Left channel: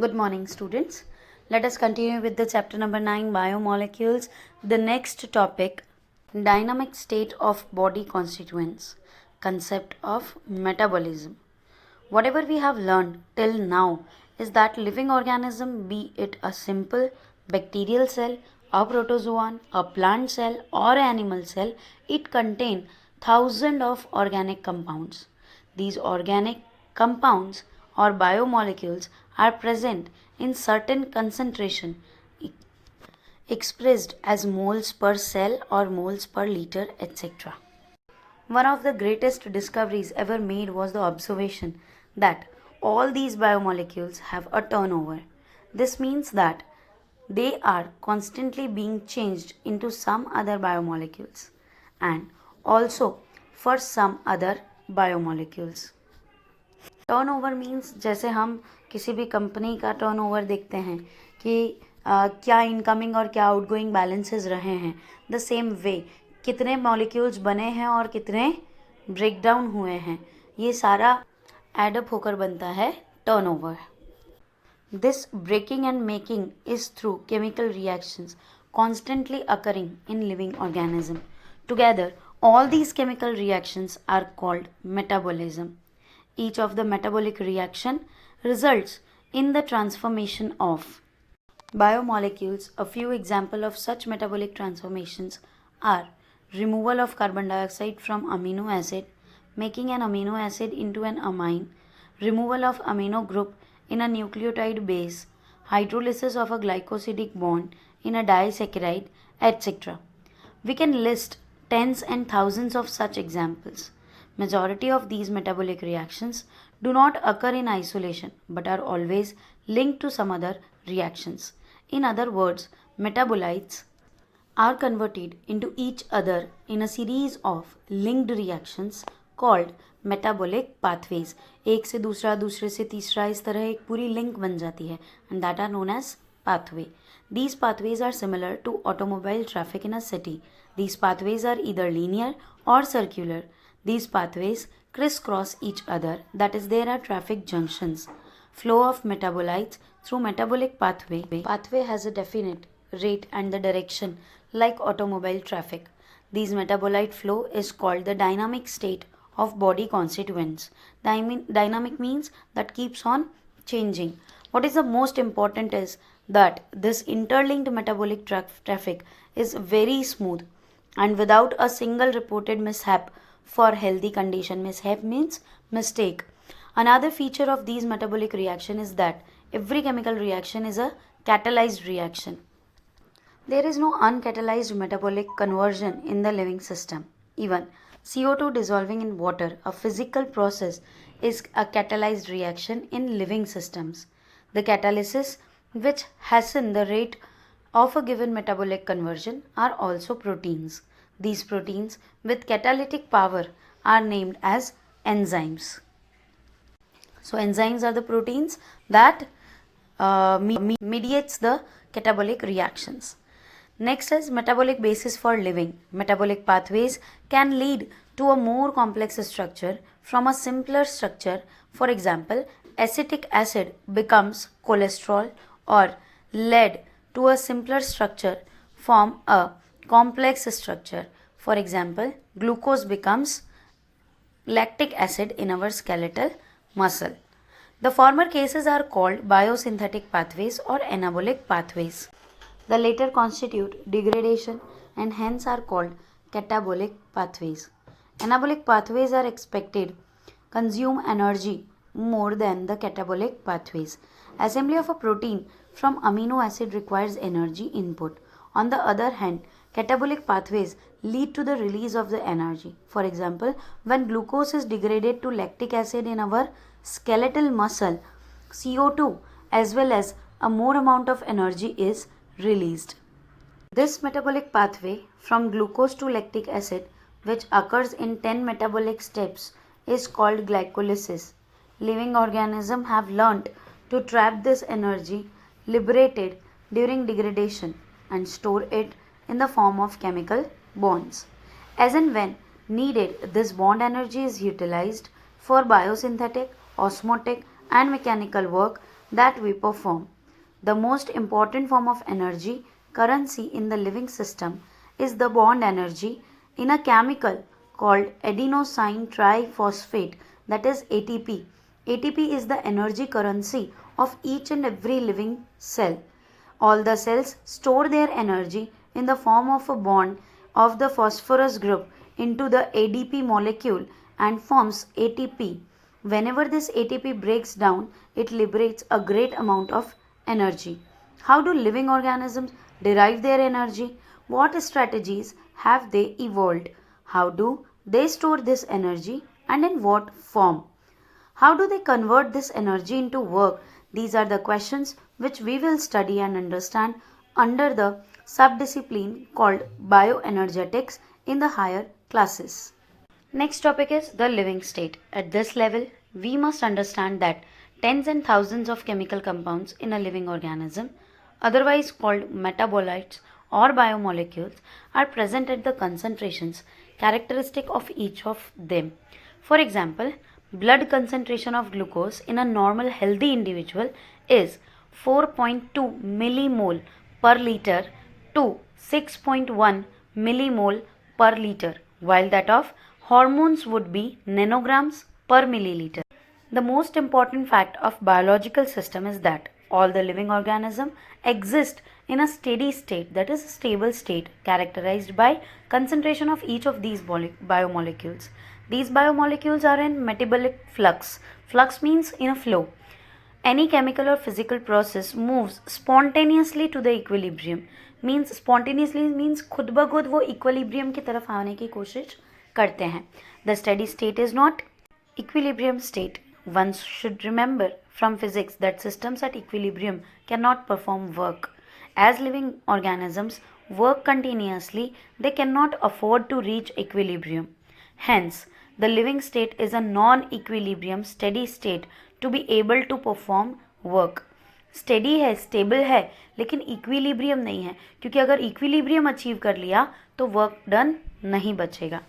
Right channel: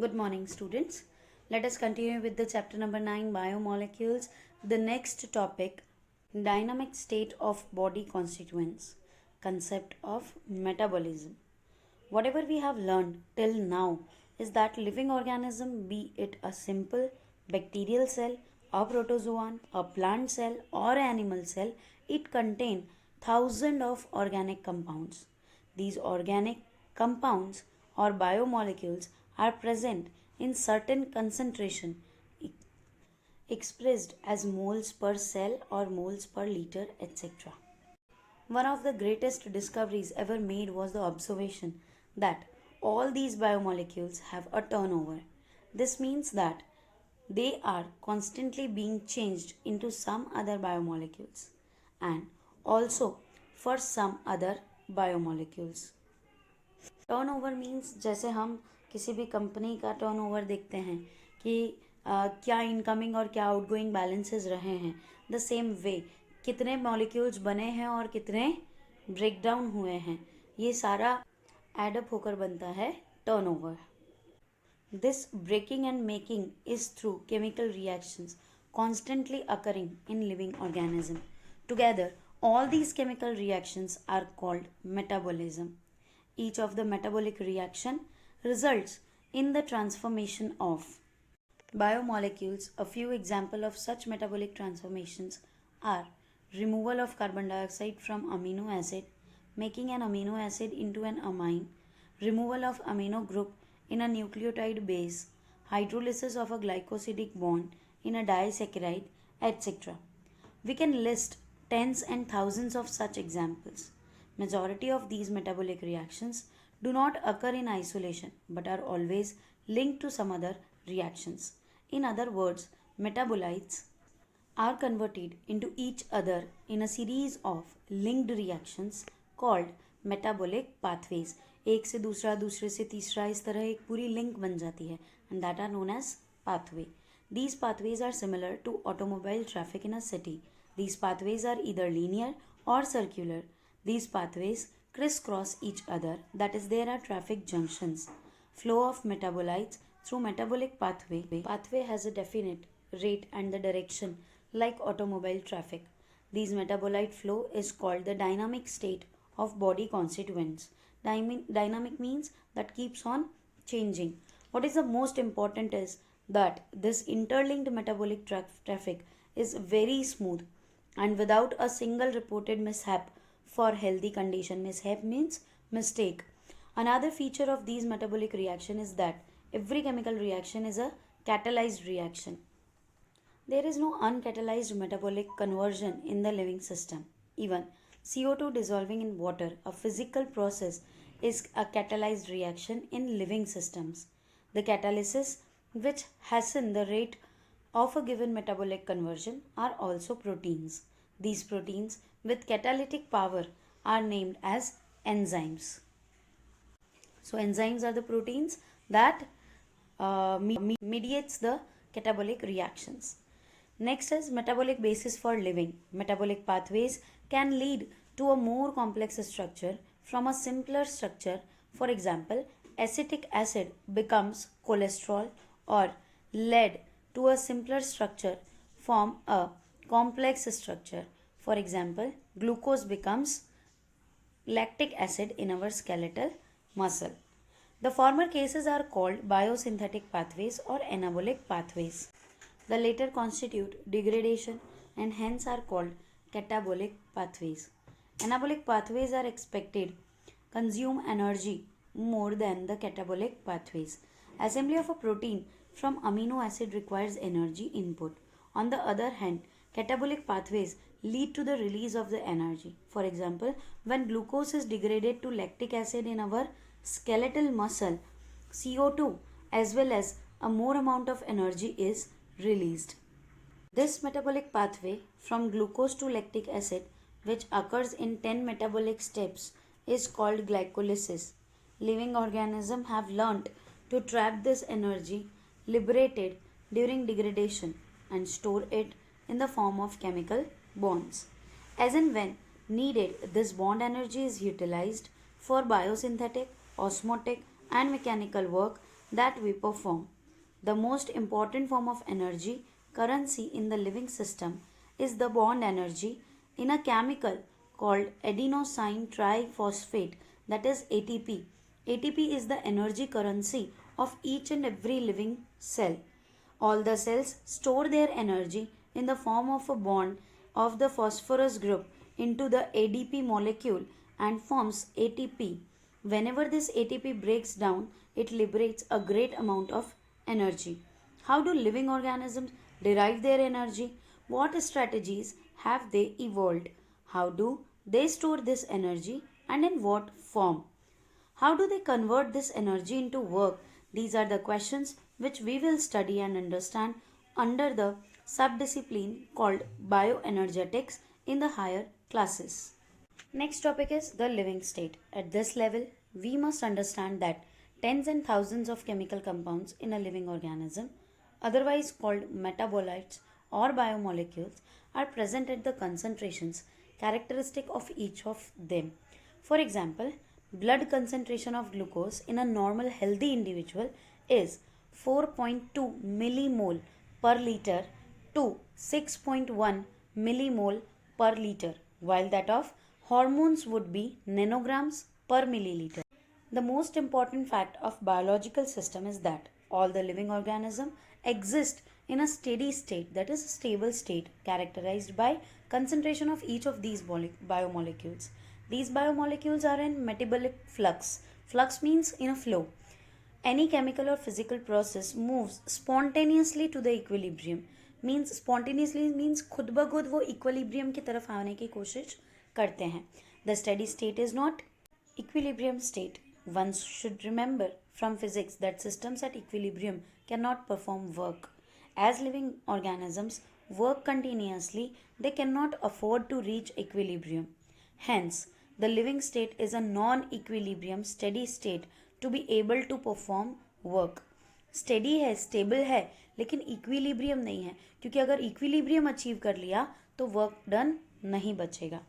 Good morning, students. Let us continue with the chapter number 9, Biomolecules. The next topic, dynamic state of body constituents, concept of metabolism. Whatever we have learned till now is that living organism, be it a simple bacterial cell, a protozoan, a plant cell or animal cell, it contains thousands of organic compounds. These organic compounds or biomolecules are present in certain concentration expressed as moles per cell or moles per liter, etc. One of the greatest discoveries ever made was the observation that all these biomolecules have a turnover. This means that they are constantly being changed into some other biomolecules and also for some other biomolecules. Turnover means जैसे हम किसी भी company का turnover देखते हैं कि क्या incoming और क्या आउटगोइंग बैलेंसेस रहे हैं, द सेम वे कितने मॉलिक्यूल्स बने हैं और कितने ब्रेक डाउन हुए हैं, ये सारा एडअप होकर बनता है turnover. This breaking and making is through chemical reactions constantly occurring in living organism. Together, all these chemical reactions are called metabolism. Each of the metabolic reaction results in the transformation of biomolecules. A few examples of such metabolic transformations are removal of carbon dioxide from amino acid, making an amino acid into an amine, removal of amino group in a nucleotide base, hydrolysis of a glycosidic bond in a disaccharide, etc. We can list tens and thousands of such examples. Majority of these metabolic reactions do not occur in isolation but are always linked to some other reactions. In other words, metabolites are converted into each other in a series of linked reactions called metabolic pathways. एक से दूसरा, दूसरे से तीसरा, इस तरह एक पूरी लिंक बन जाती है and that are known as pathway. These pathways are similar to automobile traffic in a city. These pathways are either linear or circular. These pathways crisscross each other, that is, there are traffic junctions. Flow of metabolites through metabolic pathway. Pathway has a definite rate and the direction like automobile traffic. These metabolite flow is called the dynamic state of body constituents. Dynamic means that keeps on changing. What is the most important is that this interlinked metabolic traffic is very smooth and without a single reported mishap for healthy condition. Mishap means mistake. Another feature of these metabolic reaction is that every chemical reaction is a catalyzed reaction. There is no uncatalyzed metabolic conversion in the living system. Even CO2 dissolving in water, a physical process, is a catalyzed reaction in living systems. The catalysis which hasten the rate of a given metabolic conversion are also proteins. These proteins with catalytic power are named as enzymes. So enzymes are the proteins that mediates the catabolic reactions. Next is metabolic basis for living. Metabolic pathways can lead to a more complex structure from a simpler structure. For example, acetic acid becomes cholesterol or lead to a simpler structure form a complex structure. For example, glucose becomes lactic acid in our skeletal muscle. The former cases are called biosynthetic pathways or anabolic pathways. The later constitute degradation and hence are called catabolic pathways. Anabolic pathways are expected consume energy more than the catabolic pathways. Assembly of a protein from amino acid requires energy input. On the other hand, catabolic pathways lead to the release of the energy. For example, when glucose is degraded to lactic acid in our skeletal muscle, CO2 as well as a more amount of energy is released. This metabolic pathway from glucose to lactic acid, which occurs in 10 metabolic steps, is called glycolysis. Living organisms have learnt to trap this energy liberated during degradation and store it in the form of chemical bonds. As and when needed, this bond energy is utilized for biosynthetic, osmotic and mechanical work that we perform. The most important form of energy, currency in the living system, is the bond energy in a chemical called adenosine triphosphate, that is ATP. ATP is the energy currency of each and every living cell. All the cells store their energy in the form of a bond of the phosphorus group into the ADP molecule and forms ATP. Whenever this ATP breaks down, it liberates a great amount of energy. How do living organisms derive their energy? What strategies have they evolved? How do they store this energy and in what form? How do they convert this energy into work? These are the questions which we will study and understand under the subdiscipline called bioenergetics in the higher classes. Next topic is the living state. At this level, we must understand that tens and thousands of chemical compounds in a living organism, otherwise called metabolites or biomolecules, are present at the concentrations characteristic of each of them. For example, blood concentration of glucose in a normal healthy individual is 4.2 millimole per liter to 6.1 millimole per liter, while that of hormones would be nanograms per milliliter. The most important fact of biological system is that all the living organisms exist in a steady state, that is a stable state, characterized by concentration of each of these biomolecules. These biomolecules are in metabolic flux. Flux means in a flow. Any chemical or physical process moves spontaneously to the equilibrium. Means spontaneously means खुद ब खुद वो equilibrium की तरफ आने की कोशिश करते हैं. The steady state is not equilibrium state. One should remember from physics that systems at equilibrium cannot perform work. As living organisms work continuously, they cannot afford to reach equilibrium. Hence, the living state is a non-equilibrium steady state to be able to perform work. Steady है, stable है, लेकिन equilibrium नहीं है, क्योंकि अगर equilibrium achieve कर लिया तो वर्क डन नहीं बचेगा.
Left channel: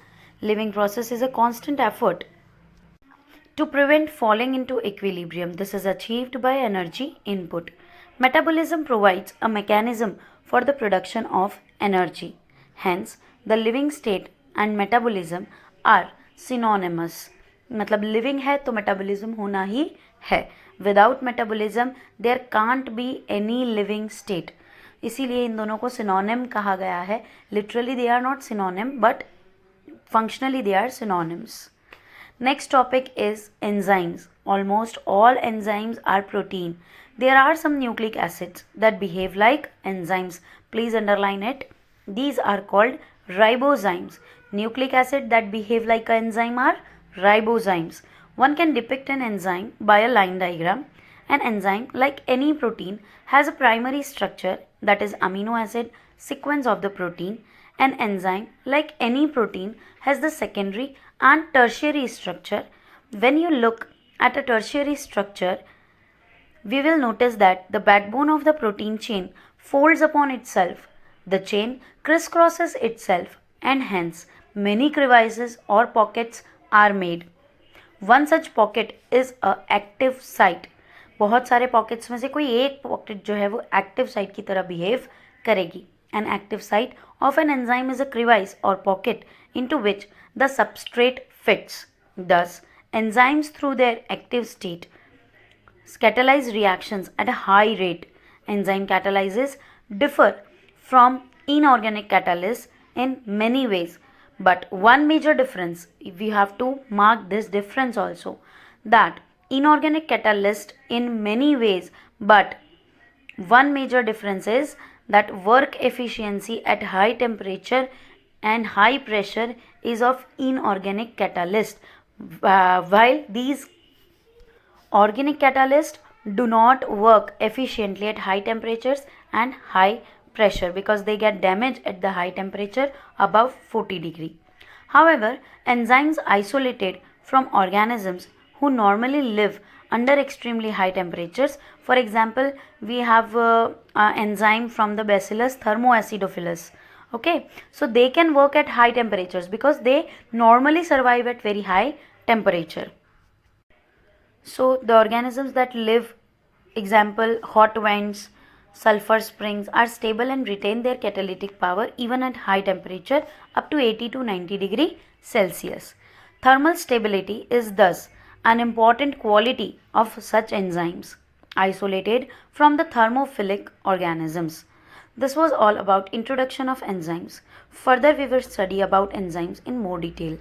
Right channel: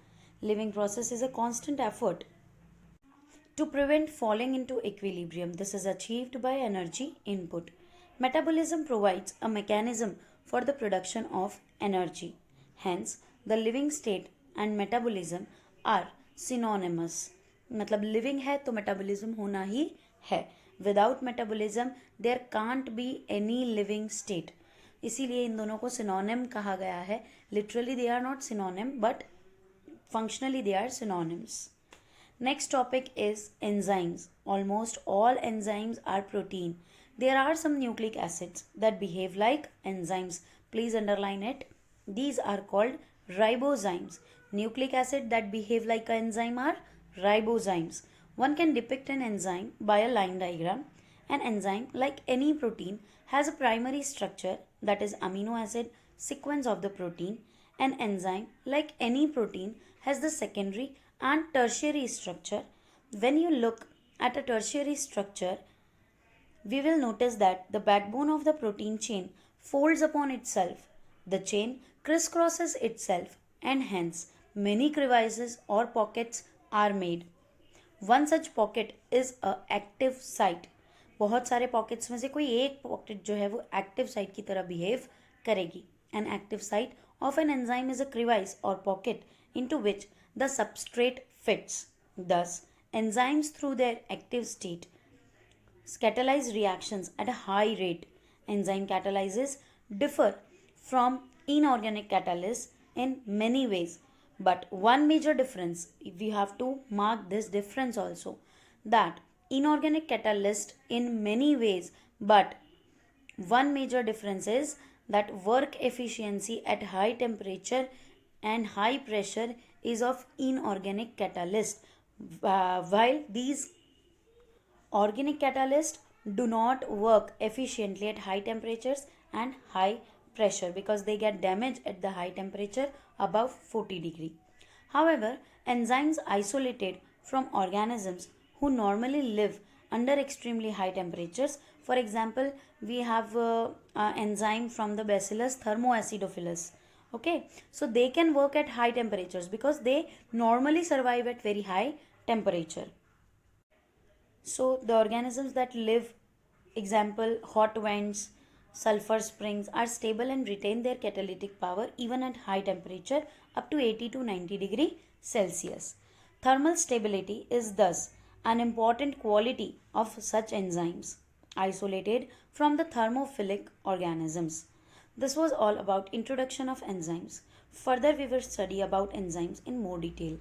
Living process is a constant effort to prevent falling into equilibrium. This is achieved by energy input. Metabolism provides a mechanism for the production of energy. Hence, the living state and metabolism are synonymous. मतलब living है तो metabolism होना ही है. Without metabolism, there can't be any living state. इसीलिए इन दोनों को synonym कहा गया है. Literally they are not synonym, but functionally they are synonyms. Next topic is enzymes. Almost all enzymes are protein. There are some nucleic acids that behave like enzymes. Please underline it. These are called ribozymes. Nucleic acid that behave like an enzyme are ribozymes. One can depict an enzyme by a line diagram. An enzyme, like any protein, has a primary structure, that is amino acid sequence of the protein. An enzyme, like any protein, has the secondary and tertiary structure. When you look at a tertiary structure, we will notice that the backbone of the protein chain folds upon itself. The chain crisscrosses itself and hence many crevices or pockets are made. One such pocket is a active site. बहुत सारे pockets में से कोई एक pocket जो है वो active site की तरह behave करेगी. An active site of an enzyme is a crevice or pocket into which the substrate fits. Thus, enzymes through their active state catalyze reactions at a high rate. Enzyme catalyses differ from inorganic catalysts in many ways, but one major difference, we have to mark this difference also, that inorganic catalyst in many ways, but one major difference is that work efficiency at high temperature and high pressure is of inorganic catalyst, while these organic catalysts do not work efficiently at high temperatures and high pressure because they get damaged at the high temperature above 40 degree. However, enzymes isolated from organisms who normally live under extremely high temperatures. For example, we have enzyme from the bacillus thermoacidophilus. Okay, so they can work at high temperatures because they normally survive at very high temperature. So the organisms that live Example, hot vents, sulfur springs are stable and retain their catalytic power even at high temperature up to 80 to 90 degree Celsius. Thermal stability is thus an important quality of such enzymes, isolated from the thermophilic organisms. This was all about introduction of enzymes. Further we will study about enzymes in more detail.